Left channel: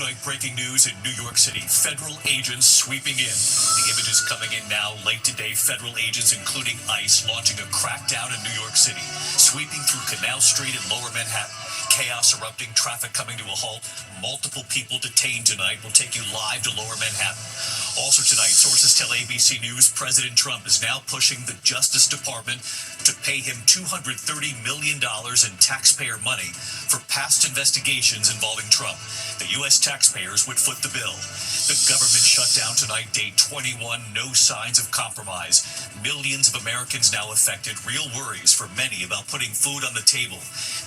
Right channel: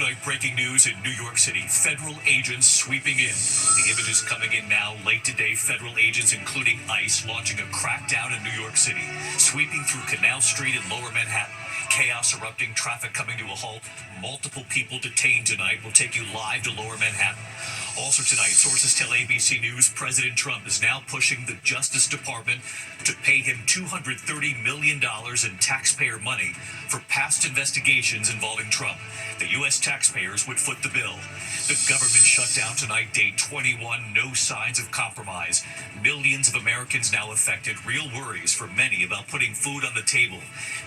Tonight, breaking news in New York City. Federal agents sweeping in. The images coming in now. Late today, federal agents, including ICE, launching a crackdown in New York City, sweeping through Canal Street in Lower Manhattan. Chaos erupting, traffic coming to a halt. Multiple people detained tonight. We'll take you live to Lower Manhattan. Also tonight, sources tell ABC News President Trump is now pushing the Justice Department to pay him $230 million in taxpayer money for past investigations involving Trump. The U.S. taxpayers would foot the bill. The government shut down tonight, day 21, no signs of compromise. Millions of Americans now affected, real worries for many about putting food on the table.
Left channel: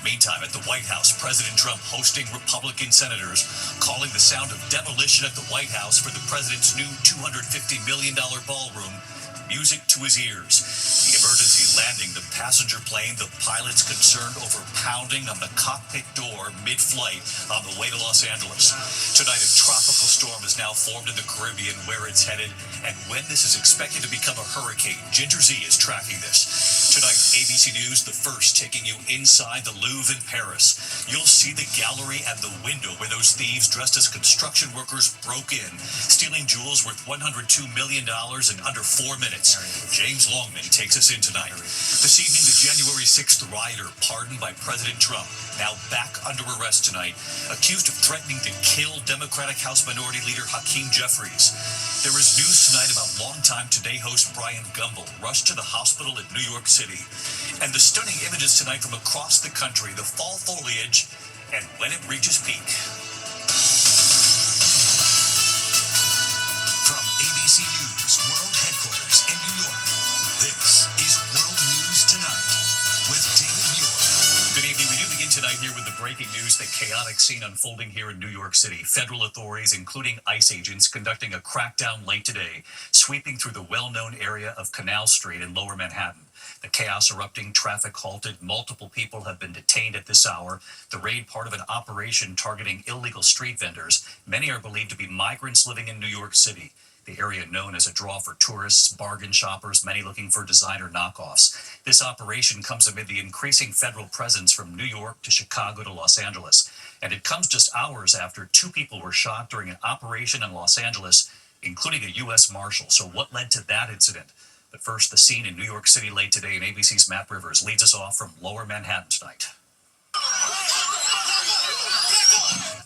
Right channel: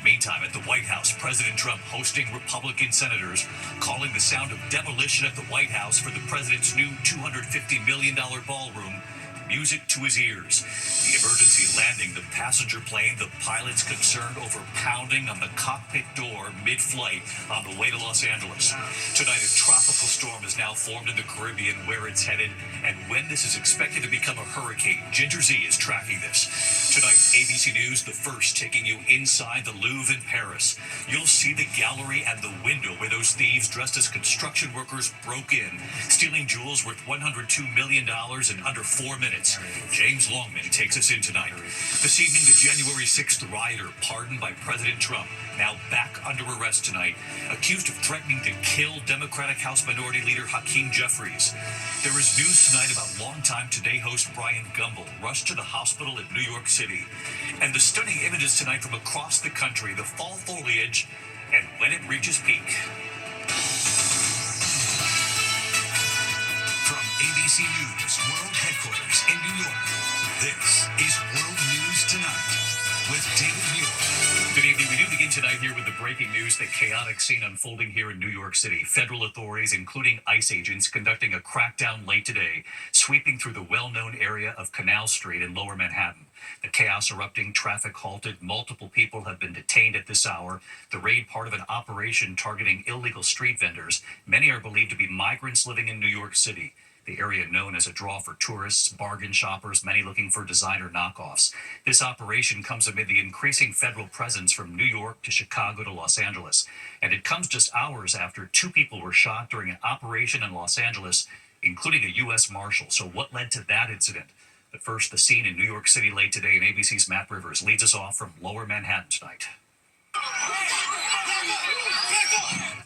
Meantime, at the White House, President Trump hosting Republican senators, calling the sound of demolition at the White House for the president's new $250 million ballroom music to his ears. The emergency landing, the passenger plane, the pilots concerned over pounding on the cockpit door mid-flight on the way to Los Angeles. Tonight, a tropical storm is now formed in the Caribbean, where it's headed, and when this is expected to become a hurricane. Ginger Z is tracking this. Tonight, ABC News, the first, taking you inside the Louvre in Paris. You'll see the gallery and the window where those thieves dressed as construction workers broke in, stealing jewels worth $102 million in under 4 minutes. James Longman takes us in tonight. This evening, the January 6th rioter pardoned by President Trump, now back under arrest tonight, accused of threatening to kill Democratic House Minority Leader Hakeem Jeffries. There is news tonight about longtime Today host Brian Gumbel rushed to the hospital in New York City. And the stunning images tonight from across the country, the fall foliage, and when it reaches peak. From ABC News World Headquarters in New York, this is World News Tonight with David Muir. Good evening. We do begin tonight here with the breaking news, the chaotic scene unfolding here in New York City. Federal authorities, including ICE agents, conducting a crackdown late today, sweeping through the well-known area of Canal Street in Lower Manhattan. The chaos erupting, traffic halted, multiple people have been detained at this hour. The raid part of an operation targeting illegal street vendors. Many are believed to be migrants living in New York City, the area known as a draw for tourists, bargain shoppers, many looking for designer knockoffs. This operation comes amid the increasing federal presence from New York to Chicago to Los Angeles. And it comes just hours after 2 people were shot during an operation in Los Angeles, including a U.S. Marshal. So what led to that incident? But first, the scene in New York City late today, and ABC's Matt Rivers leads us off from Lower Manhattan tonight.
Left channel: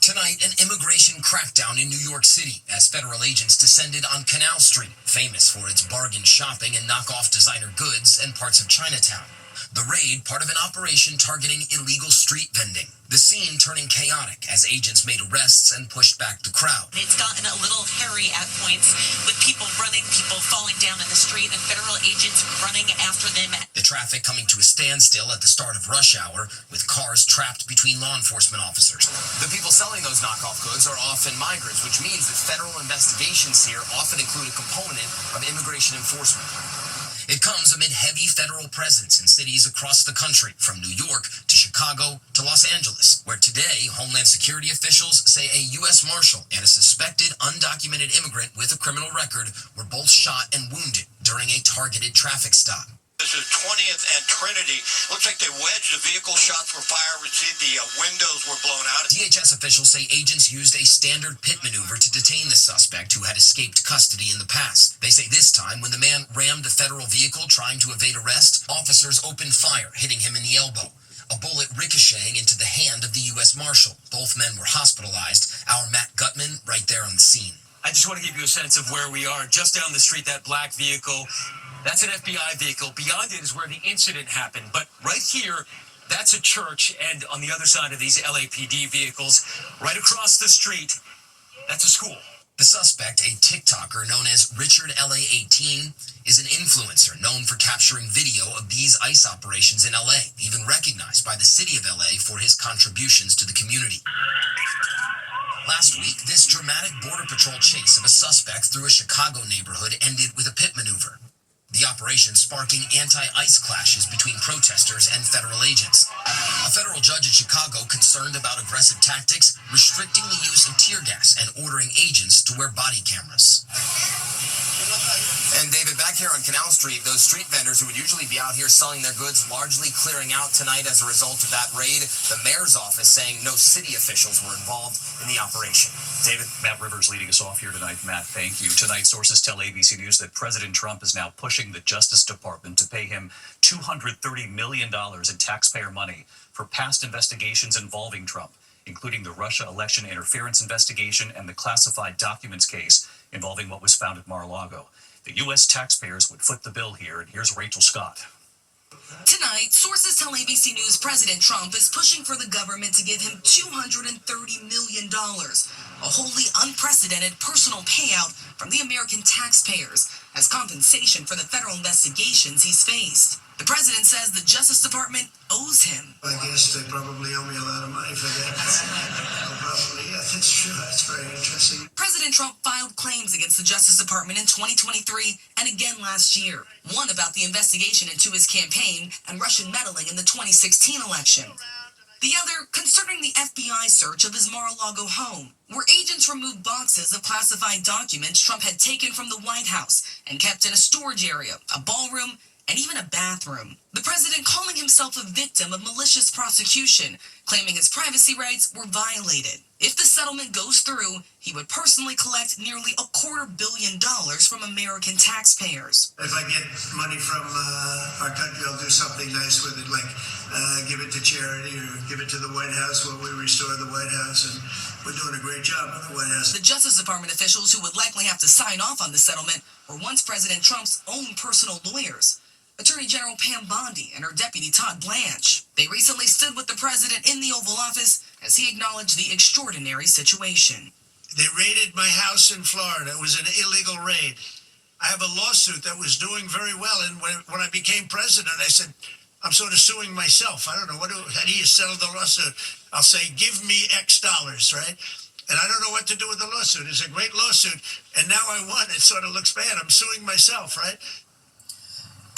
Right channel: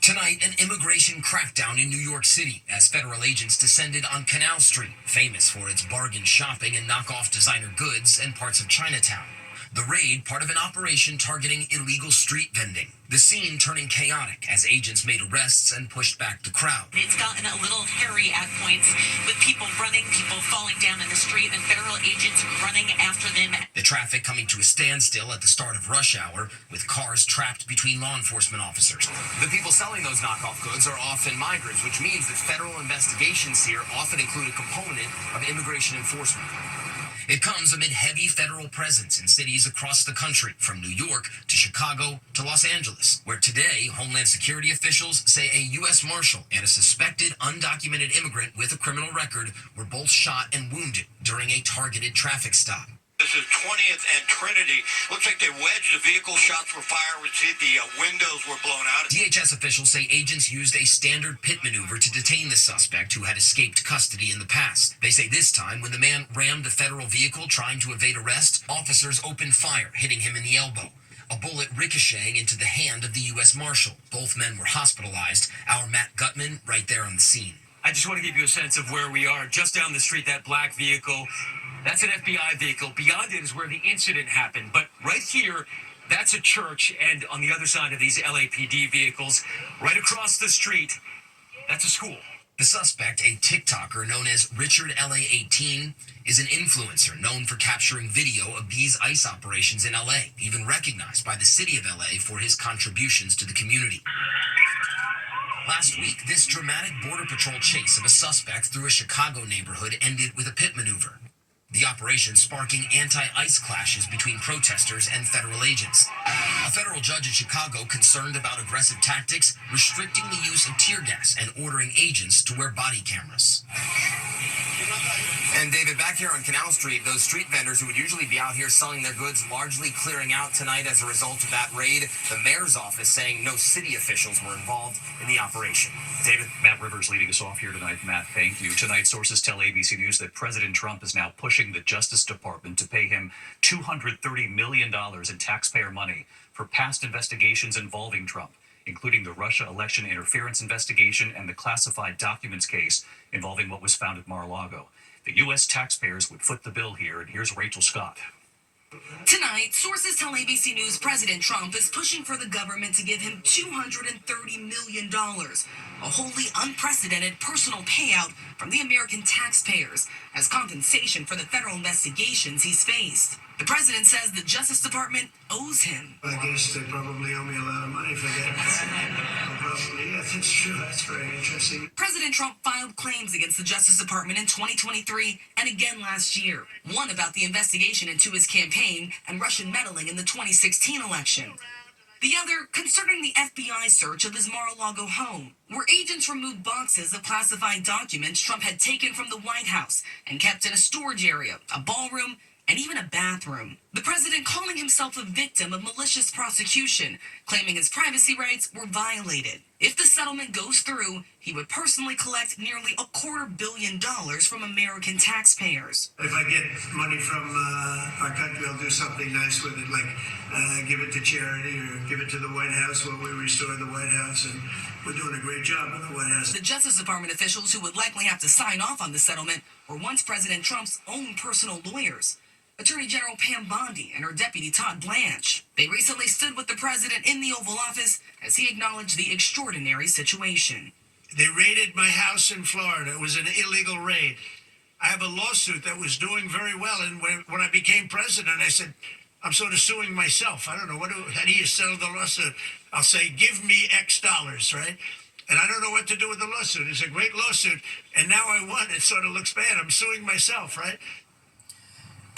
Tonight, an immigration crackdown in New York City as federal agents descended on Canal Street, famous for its bargain shopping and knockoff designer goods and parts of Chinatown. The raid, part of an operation targeting illegal street vending. The scene turning chaotic as agents made arrests and pushed back the crowd. It's gotten a little hairy at points with people running, people falling down in the street, and federal agents running after them. The traffic coming to a standstill at the start of rush hour, with cars trapped between law enforcement officers. The people selling those knockoff goods are often migrants, which means that federal investigations here often include a component of immigration enforcement. It comes amid heavy federal presence in cities across the country, from New York to Chicago to Los Angeles, where today Homeland Security officials say a U.S. Marshal and a suspected undocumented immigrant with a criminal record were both shot and wounded during a targeted traffic stop. This is 20th and Trinity. Looks like they wedged the vehicle, shots were fired. We see the windows were blown out. DHS officials say agents used a standard pit maneuver to detain the suspect who had escaped custody in the past. They say this time, when the man rammed the federal vehicle trying to evade arrest, officers opened fire, hitting him in the elbow. A bullet ricocheting into the hand of the U.S. Marshal. Both men were hospitalized. Our Matt Gutman right there on the scene. I just want to give you a sense of where we are. Just down the street, that black vehicle, that's an FBI vehicle. Beyond it is where the incident happened. But right here, that's a church. And on the other side of these LAPD vehicles, right across the street, that's a school. The suspect, a TikToker known as Richard LA18, is an influencer known for capturing video of these ICE operations in LA, even recognized by the city of LA for his contributions to the community. Last week, this dramatic Border Patrol chase of a suspect through a Chicago neighborhood ended with a pit maneuver. The operation sparking anti-ICE clashes between protesters and federal agents. A federal judge in Chicago, concerned about aggressive tactics, restricting the use of tear gas and ordering agents to wear body cameras. And David, back here on Canal Street, those street vendors who would usually be out here selling their goods largely clearing out tonight as a result of that raid. The mayor's office saying no city officials were involved in the operation. David, Matt Rivers leading us off here tonight. Matt, thank you. Tonight, sources tell ABC News that President Trump is now pushing the Justice Department to pay him $230 million in taxpayer money for past investigations involving Trump, including the Russia election interference investigation and the classified documents case involving what was found at Mar-a-Lago. The U.S. taxpayers would foot the bill here, and here's Rachel Scott. Tonight, sources tell ABC News President Trump is pushing for the government to give him $230 million, a wholly unprecedented personal payout from the American taxpayers as compensation for the federal investigations he's faced. The president says the Justice Department owes him. I guess they probably owe me a lot of money for that. Probably, yeah, that's true. That's very interesting. President Trump filed claims against the Justice Department in 2023 and again last year. One about the investigation into his campaign and Russian meddling in the 2016 election. The other concerning the FBI search of his Mar-a-Lago home, where agents removed boxes of classified documents Trump had taken from the White House and kept in a storage area, a ballroom, and even a bathroom. The president calling himself a victim of malicious prosecution, claiming his privacy rights were violated. If the settlement goes through, he would personally collect nearly $250 million from American taxpayers. If I get money from our country, I'll do something nice with it, like give it to charity or give it to the White House when we restore the White House. And we're doing a great job on the White House. The Justice Department officials who would likely have to sign off on the settlement were once President Trump's own personal lawyers. Attorney General Pam Bondi and her deputy Todd Blanche. They recently stood with the president in the Oval Office as he acknowledged the extraordinary situation. They raided my house in Florida. It was an illegal raid. I have a lawsuit that was doing very well, and when I became president, I said, I'm sort of suing myself. I don't know, how do you settle the lawsuit? I'll say, give me X dollars, right? And I don't know what to do with the lawsuit. It's a great lawsuit, and now I won. It sort of looks bad. I'm suing myself, right?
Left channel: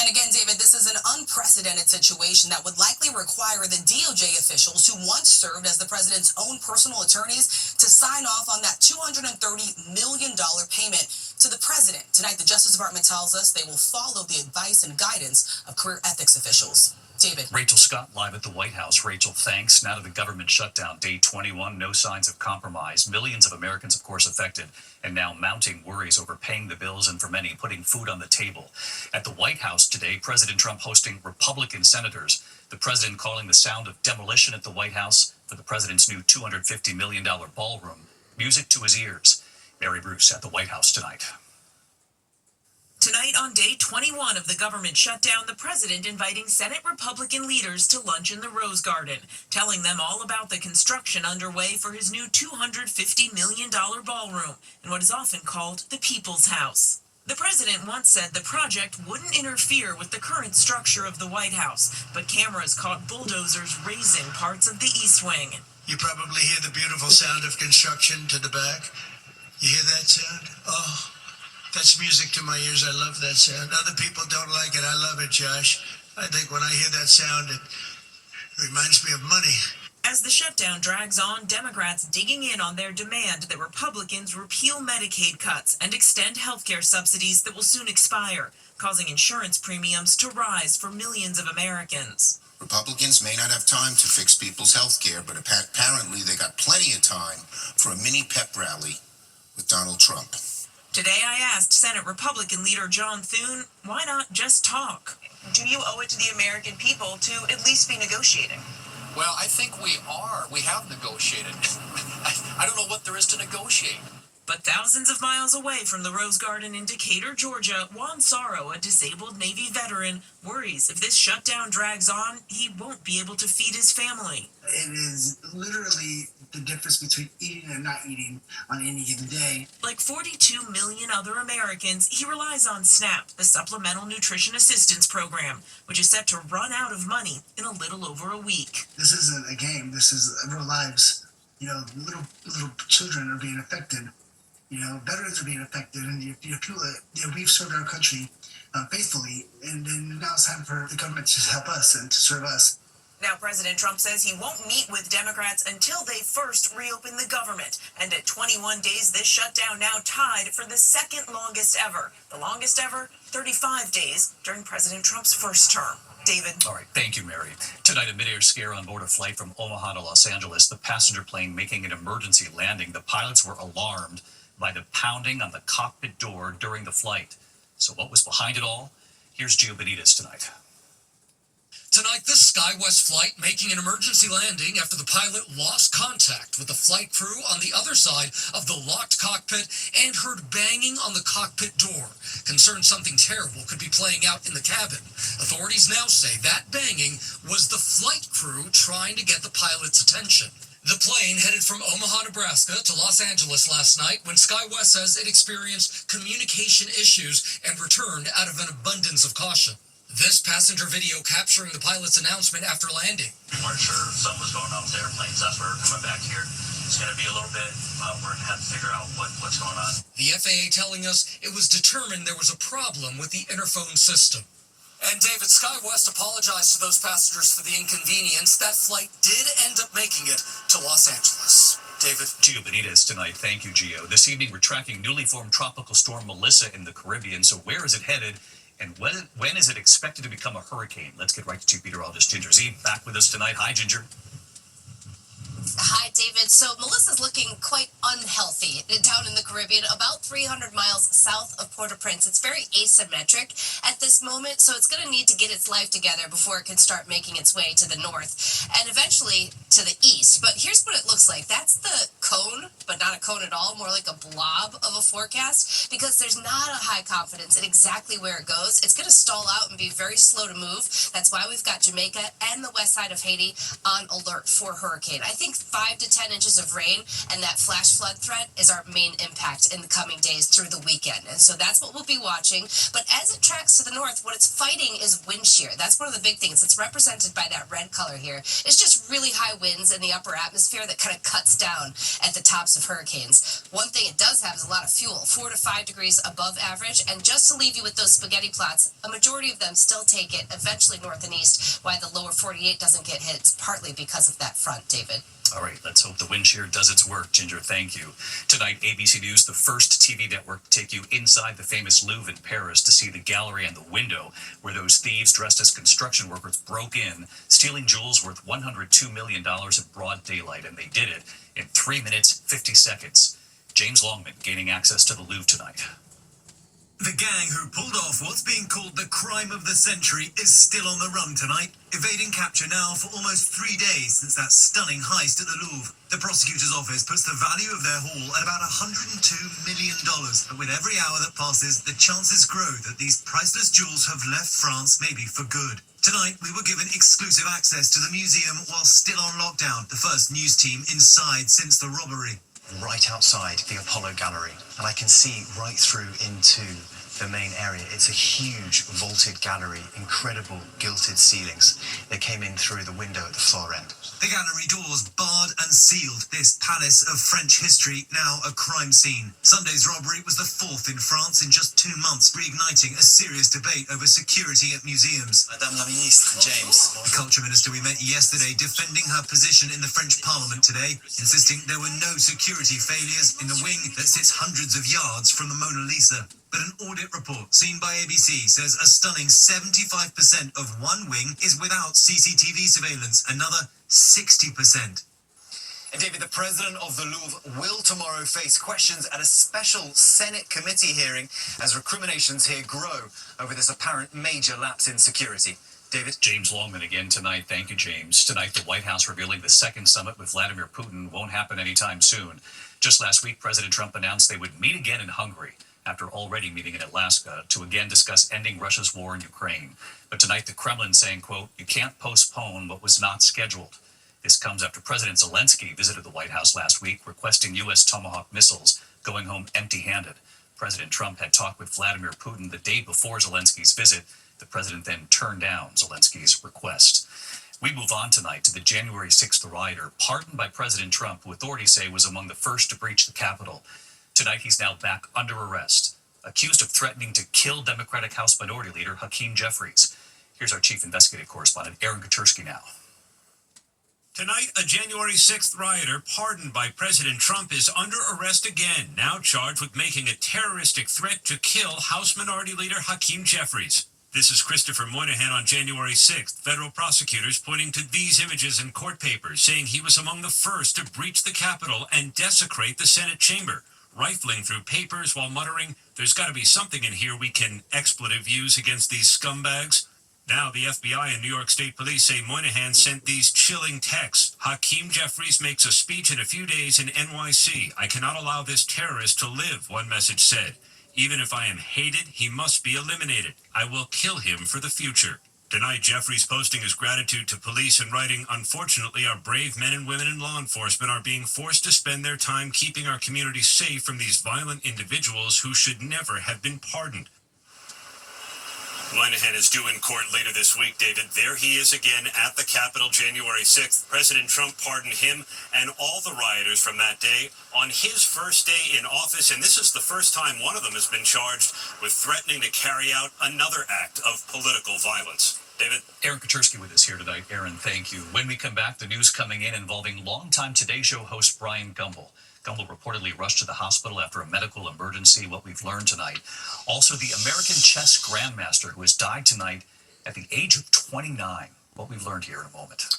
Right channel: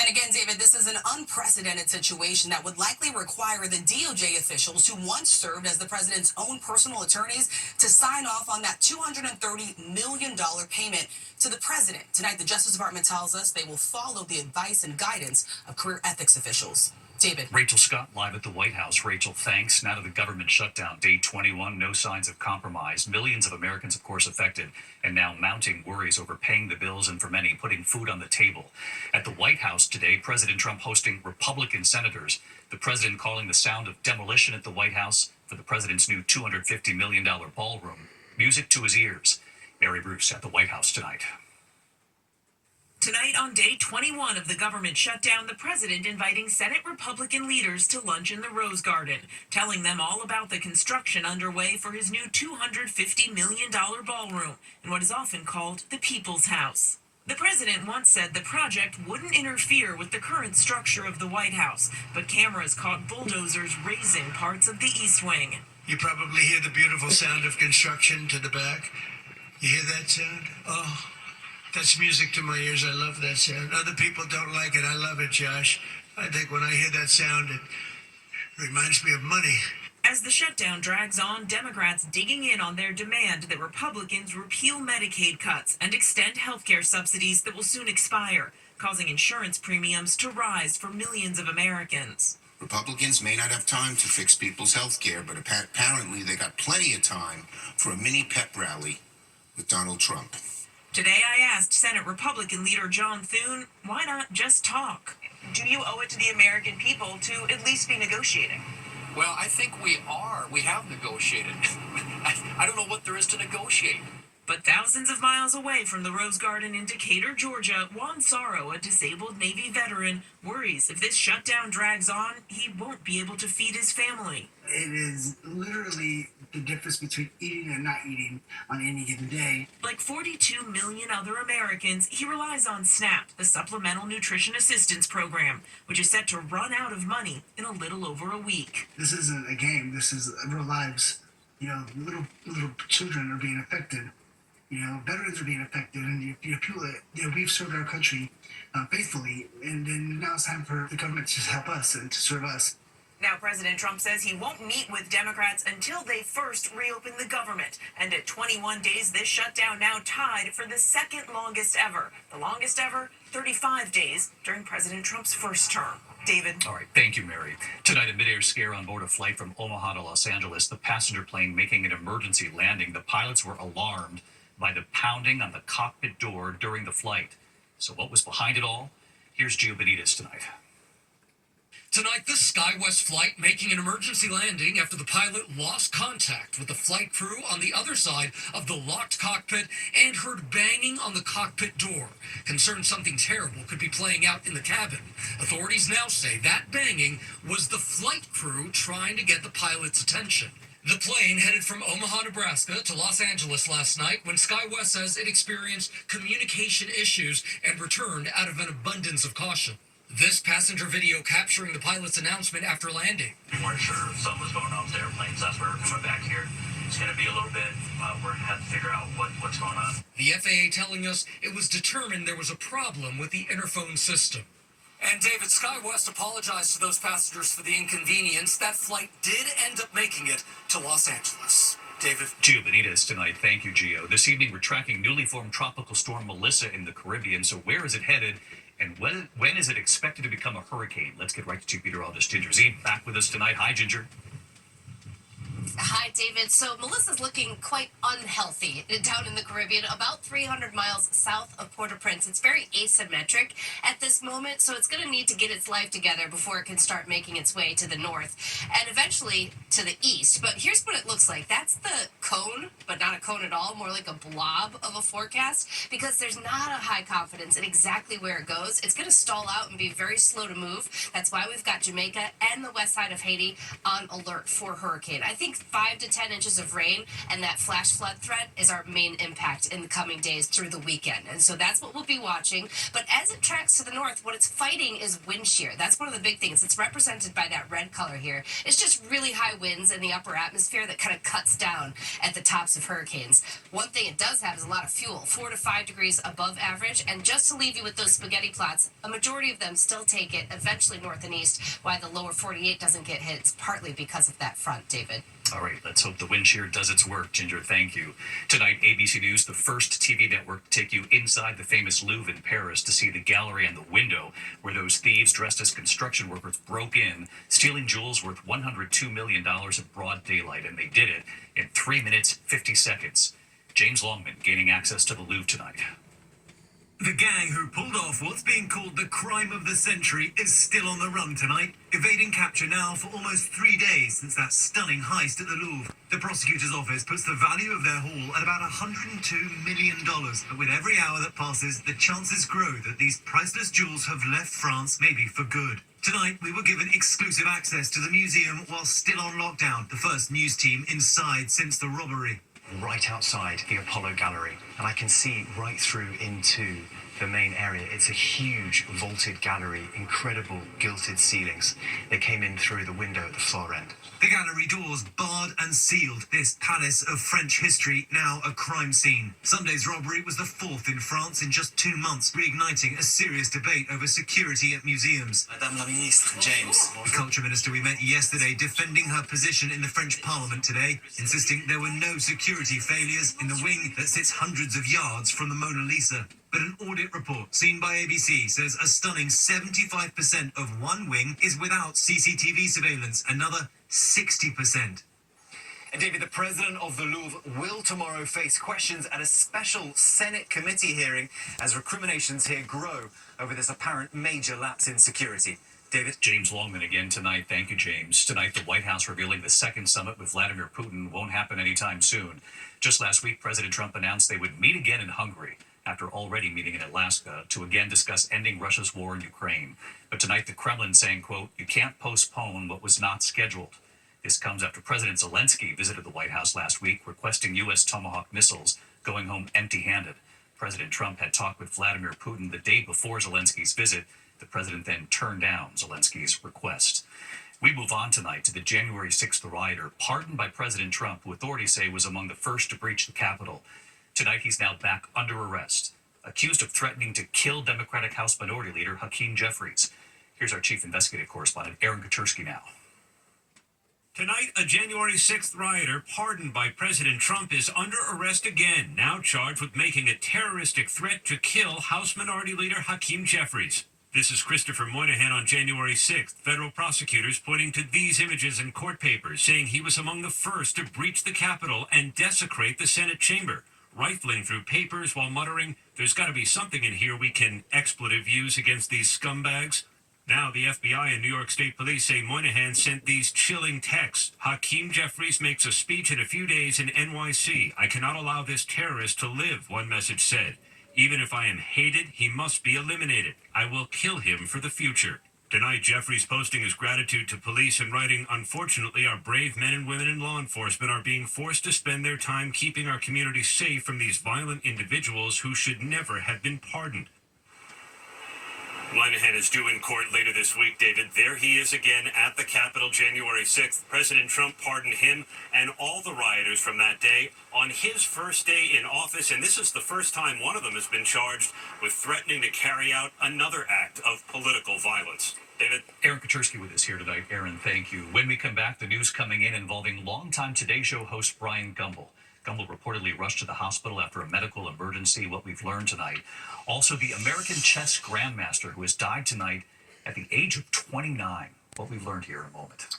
And again, David, this is an unprecedented situation that would likely require the DOJ officials who once served as the president's own personal attorneys to sign off on that $230 million payment to the president. Tonight, the Justice Department tells us they will follow the advice and guidance of career ethics officials. David. Rachel Scott live at the White House. Rachel, thanks. Now to the government shutdown, day 21, no signs of compromise. Millions of Americans, of course, affected, and now mounting worries over paying the bills and, for many, putting food on the table. At the White House today, President Trump hosting Republican senators. The president calling the sound of demolition at the White House for the president's new $250 million ballroom. Music to his ears. Mary Bruce at the White House tonight. Tonight, on day 21 of the government shutdown, the president inviting Senate Republican leaders to lunch in the Rose Garden, telling them all about the construction underway for his new $250 million ballroom in what is often called the People's House. The president once said the project wouldn't interfere with the current structure of the White House, but cameras caught bulldozers razing parts of the East Wing. You probably hear the beautiful sound of construction to the back. You hear that sound? Oh. That's music to my ears. I love that sound. Other people don't like it. I love it, Josh. I think when I hear that sound, it reminds me of money. As the shutdown drags on, Democrats digging in on their demand that Republicans repeal Medicaid cuts and extend health care subsidies that will soon expire, causing insurance premiums to rise for millions of Americans. Republicans may not have time to fix people's health care, but apparently they got plenty of time for a mini pep rally with Donald Trump. Today I asked Senate Republican leader John Thune, why not just talk? Do you owe it to the American people to at least be negotiating? Well, I think we are. We have negotiated. I don't know what there is to negotiate. But thousands of miles away from the Rose Garden in Decatur, Georgia, Juan Sorrow, a disabled Navy veteran, worries if this shutdown drags on, he won't be able to feed his family. It is literally the difference between eating and not eating on any given day. Like 42 million other Americans, he relies on SNAP, the Supplemental Nutrition Assistance Program, which is set to run out of money in a little over a week. This isn't a game. This is real lives. You know, little children are being affected. You know, veterans are being affected, and people that we've served our country faithfully, and then now it's time for the government to help us and to serve us. Now, President Trump says he won't meet with Democrats until they first reopen the government. And at 21 days, this shutdown now tied for the second longest ever. The longest ever, 35 days during President Trump's first term. David. All right. Thank you, Mary. Tonight, a midair scare on board a flight from Omaha to Los Angeles. The passenger plane making an emergency landing. The pilots were alarmed by the pounding on the cockpit door during the flight. So what was behind it all? Here's Gio Benitez tonight. Tonight, the SkyWest flight making an emergency landing after the pilot lost contact with the flight crew on the other side of the locked cockpit and heard banging on the cockpit door. Concerned something terrible could be playing out in the cabin. Authorities now say that banging was the flight crew trying to get the pilot's attention. The plane headed from Omaha, Nebraska to Los Angeles last night when SkyWest says it experienced communication issues and returned out of an abundance of caution. This passenger video capturing the pilot's announcement after landing. We weren't sure if something was going on with the airplanes. That's why we're coming back here. It's going to be a little bit, we're going to have to figure out what's going on. The FAA telling us it was determined there was a problem with the interphone system. And David, SkyWest apologized to those passengers for the inconvenience. That flight did end up making it to Los Angeles. David. Gio Benitez tonight. Thank you, Gio. This evening, we're tracking newly formed tropical storm Melissa in the Caribbean. So where is it headed? And when is it expected to become a hurricane? Let's get right to meteorologist Ginger Zee back with us tonight. Hi, Ginger. Hi, David. So Melissa's looking quite unhealthy down in the Caribbean, about 300 miles south of Port-au-Prince. It's very asymmetric at this moment, so it's going to need to get its life together before it can start making its way to the north and eventually to the east. But here's what it looks like. That's the cone, but not a cone at all, more like a blob of a forecast, because there's not a high confidence in exactly where it goes. It's going to stall out and be very slow to move. That's why we've got Jamaica and the west side of Haiti on alert for hurricane. I think 5 to 10 inches of rain and that flash flood threat is our main impact in the coming days through the weekend. And so that's what we'll be watching. But as it tracks to the north, what it's fighting is wind shear. That's one of the big things. It's represented by that red color here. It's just really high winds in the upper atmosphere that kind of cuts down at the tops of hurricanes. One thing it does have is a lot of fuel, 4 to 5 degrees above average. And just to leave you with those spaghetti plots, a majority of them still take it eventually north and east. Why the lower 48 doesn't get hit is partly because of that front, David. All right, let's hope the wind shear does its work, Ginger. Thank you. Tonight, ABC News, the first TV network to take you inside the famous Louvre in Paris to see the gallery and the window where those thieves dressed as construction workers broke in, stealing jewels worth $102 million in broad daylight. And they did it in 3 minutes, 50 seconds. James Longman gaining access to the Louvre tonight. The gang who pulled off what's being called the crime of the century is still on the run tonight, evading capture now for almost 3 days since that stunning heist at the Louvre. The prosecutor's office puts the value of their haul at about $102 million. But with every hour that passes, the chances grow that these priceless jewels have left France maybe for good. Tonight, we were given exclusive access to the museum while still on lockdown, the first news team inside since the robbery. Right outside the Apollo Gallery, and I can see right through into the main area. It's a huge vaulted gallery, incredible gilded ceilings. They came in through the window at the far end. The gallery doors barred and sealed. This palace of French history now a crime scene. Sunday's robbery was the fourth in France in just 2 months, reigniting a serious debate over security at museums. Madame la Ministre, James. The culture minister we met yesterday defending her position in the French parliament today, insisting there were no security failures in the wing that sits hundreds of yards from the Mona Lisa. But an audit report seen by ABC says a stunning 75% of one wing is without CCTV surveillance, another 60%. And David, the president of the Louvre will tomorrow face questions at a special Senate committee hearing as recriminations here grow over this apparent major lapse in security. David? James Longman again tonight. Thank you, James. Tonight, the White House revealing the second summit with Vladimir Putin won't happen anytime soon. Just last week, President Trump announced they would meet again in Hungary after already meeting in Alaska to again discuss ending Russia's war in Ukraine. But tonight, the Kremlin saying, quote, "You can't postpone what was not scheduled." This comes after President Zelensky visited the White House last week, requesting U.S. Tomahawk missiles, going home empty-handed. President Trump had talked with Vladimir Putin the day before Zelensky's visit. The president then turned down Zelensky's request. We move on tonight to the January 6th rioter, pardoned by President Trump, who authorities say was among the first to breach the Capitol. Tonight, he's now back under arrest, accused of threatening to kill Democratic House Minority Leader Hakeem Jeffries. Here's our chief investigative correspondent, Aaron Katersky now. Tonight, a January 6th rioter pardoned by President Trump is under arrest again, now charged with making a terroristic threat to kill House Minority Leader Hakeem Jeffries. This is Christopher Moynihan on January 6th. Federal prosecutors pointing to these images in court papers, saying he was among the first to breach the Capitol and desecrate the Senate chamber, rifling through papers while muttering, "There's got to be something in here we can expletive use against these scumbags." Now, the FBI and New York State Police say Moynihan sent these chilling texts. Hakeem Jeffries makes a speech in a few days in NYC. "I cannot allow this terrorist to live," one message said. "Even if I am hated, he must be eliminated. I will kill him for the future." Tonight, Jeffries posting his gratitude to police and writing, "Unfortunately, our brave men and women in law enforcement are being forced to spend their time keeping our community safe from these violent individuals who should never have been pardoned." Moynihan is due in court later this week, David. There he is again at the Capitol January 6th. President Trump pardoned him and all the rioters from that day on his first day in office, and this is the first time one of them has been charged with threatening to carry out another act of political violence. David? Aaron Katersky with us here tonight. Aaron, thank you. When we come back, the news coming in involving longtime Today Show host Brian Gumbel. Gumbel reportedly rushed to the hospital after a medical emergency, what we've learned tonight. Also, the American chess grandmaster who has died tonight at the age of 29, what we've learned here in a moment.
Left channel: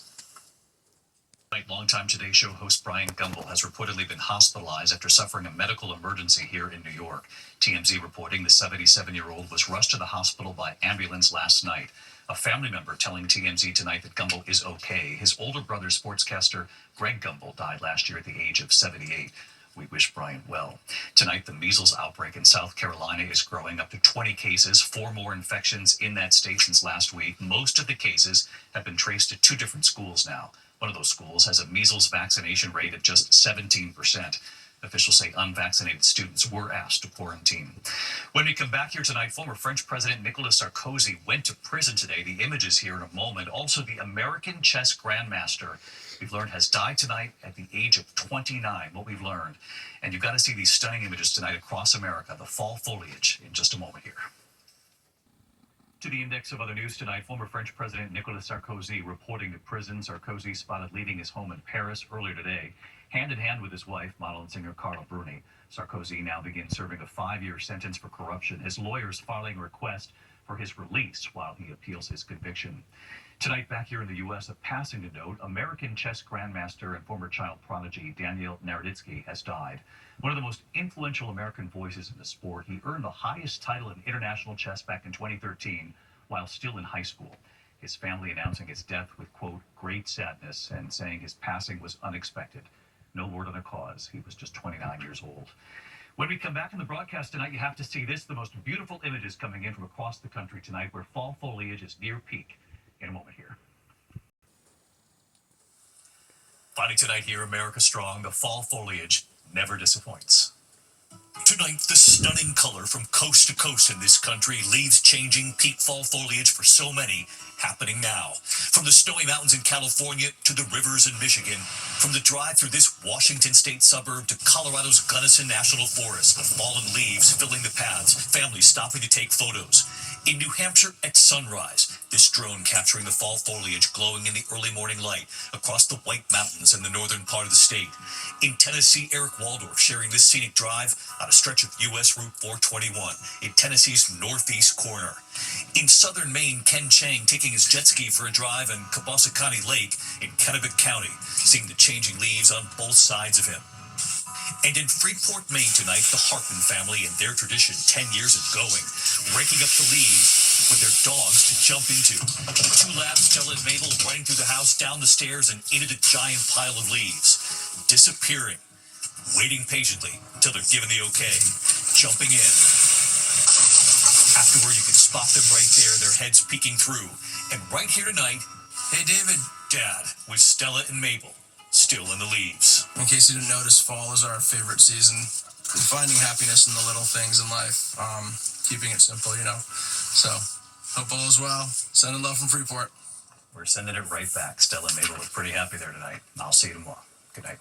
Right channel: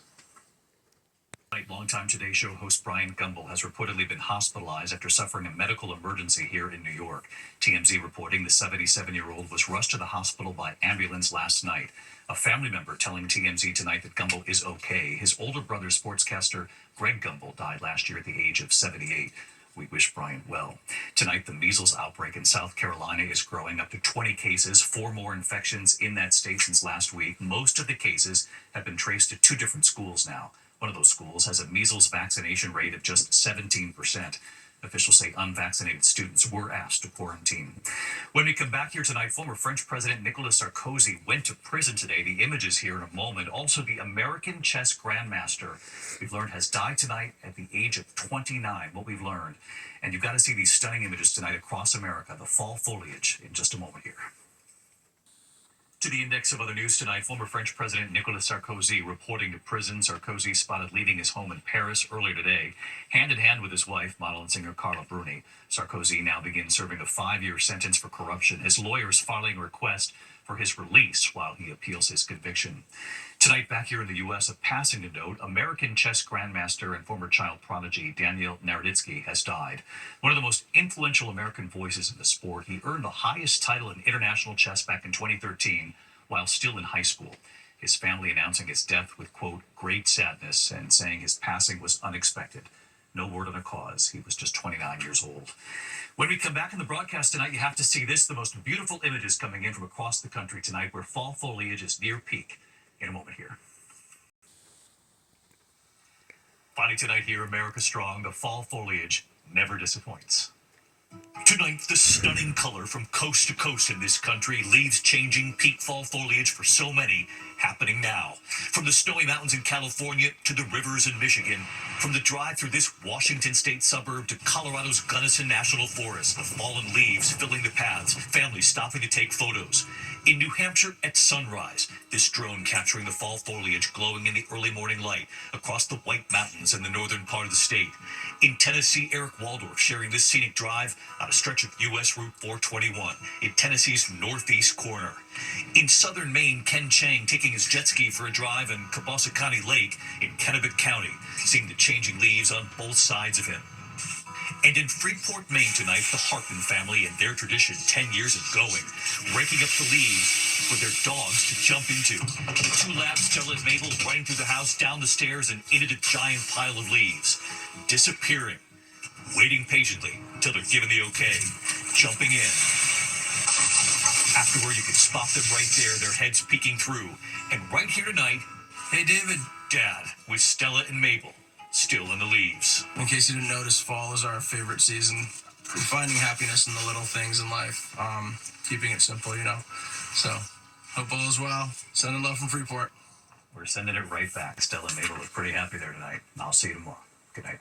Longtime Today Show host Brian Gumbel has reportedly been hospitalized after suffering a medical emergency here in New York. TMZ reporting the 77-year-old was rushed to the hospital by ambulance last night. A family member telling TMZ tonight that Gumbel is okay. His older brother, sportscaster Greg Gumbel, died last year at the age of 78. We wish Brian well. Tonight, the measles outbreak in South Carolina is growing up to 20 cases, 4 more infections in that state since last week. Most of the cases have been traced to 2 different schools now. One of those schools has a measles vaccination rate of just 17%. Officials say unvaccinated students were asked to quarantine. When we come back here tonight, former French President Nicolas Sarkozy went to prison today. The images here in a moment. Also, the American chess grandmaster, we've learned, has died tonight at the age of 29, what we've learned. And you've got to see these stunning images tonight across America, the fall foliage, in just a moment here. To the index of other news tonight, former French President Nicolas Sarkozy reporting to prison. Sarkozy spotted leaving his home in Paris earlier today, hand in hand with his wife, model and singer Carla Bruni. Sarkozy now begins serving a 5-year sentence for corruption. His lawyers filing a request for his release while he appeals his conviction. Tonight, back here in the U.S., a passing to note, American chess grandmaster and former child prodigy Daniel Naroditsky has died. One of the most influential American voices in the sport, he earned the highest title in international chess back in 2013 while still in high school. His family announcing his death with, quote, great sadness and saying his passing was unexpected. No word on the cause. He was just 29 years old. When we come back in the broadcast tonight, you have to see this, the most beautiful images coming in from across the country tonight where fall foliage is near peak. In a moment here. Finally tonight here, America Strong, the fall foliage never disappoints. Tonight, the stunning color from coast to coast in this country, leaves changing, peak fall foliage for so many, happening now. From the snowy mountains in California to the rivers in Michigan, from the drive through this Washington state suburb to Colorado's Gunnison National Forest, with fallen leaves filling the paths, families stopping to take photos. In New Hampshire at sunrise, this drone capturing the fall foliage glowing in the early morning light across the White Mountains in the northern part of the state. In Tennessee, Eric Waldorf sharing this scenic drive on a stretch of U.S. Route 421 in Tennessee's northeast corner. In southern Maine, Ken Chang taking his jet ski for a drive in Kabasakani Lake in Kennebec County, seeing the changing leaves on both sides of him. And in Freeport, Maine tonight, the Hartman family and their tradition 10 years of going, raking up the leaves for their dogs to jump into. 2 labs, Stella and Mabel, running through the house, down the stairs, and into the giant pile of leaves. Disappearing. Waiting patiently until they're given the okay. Jumping in. Afterward, you can spot them right there, their heads peeking through. And right here tonight, hey, David, Dad, with Stella and Mabel. Still in the leaves. In case you didn't notice, fall is our favorite season. We're finding happiness in the little things in life. Keeping it simple, you know. So, hope all is well. Sending love from Freeport. We're sending it right back. Stella and Mabel look pretty happy there tonight. I'll see you tomorrow. Good night.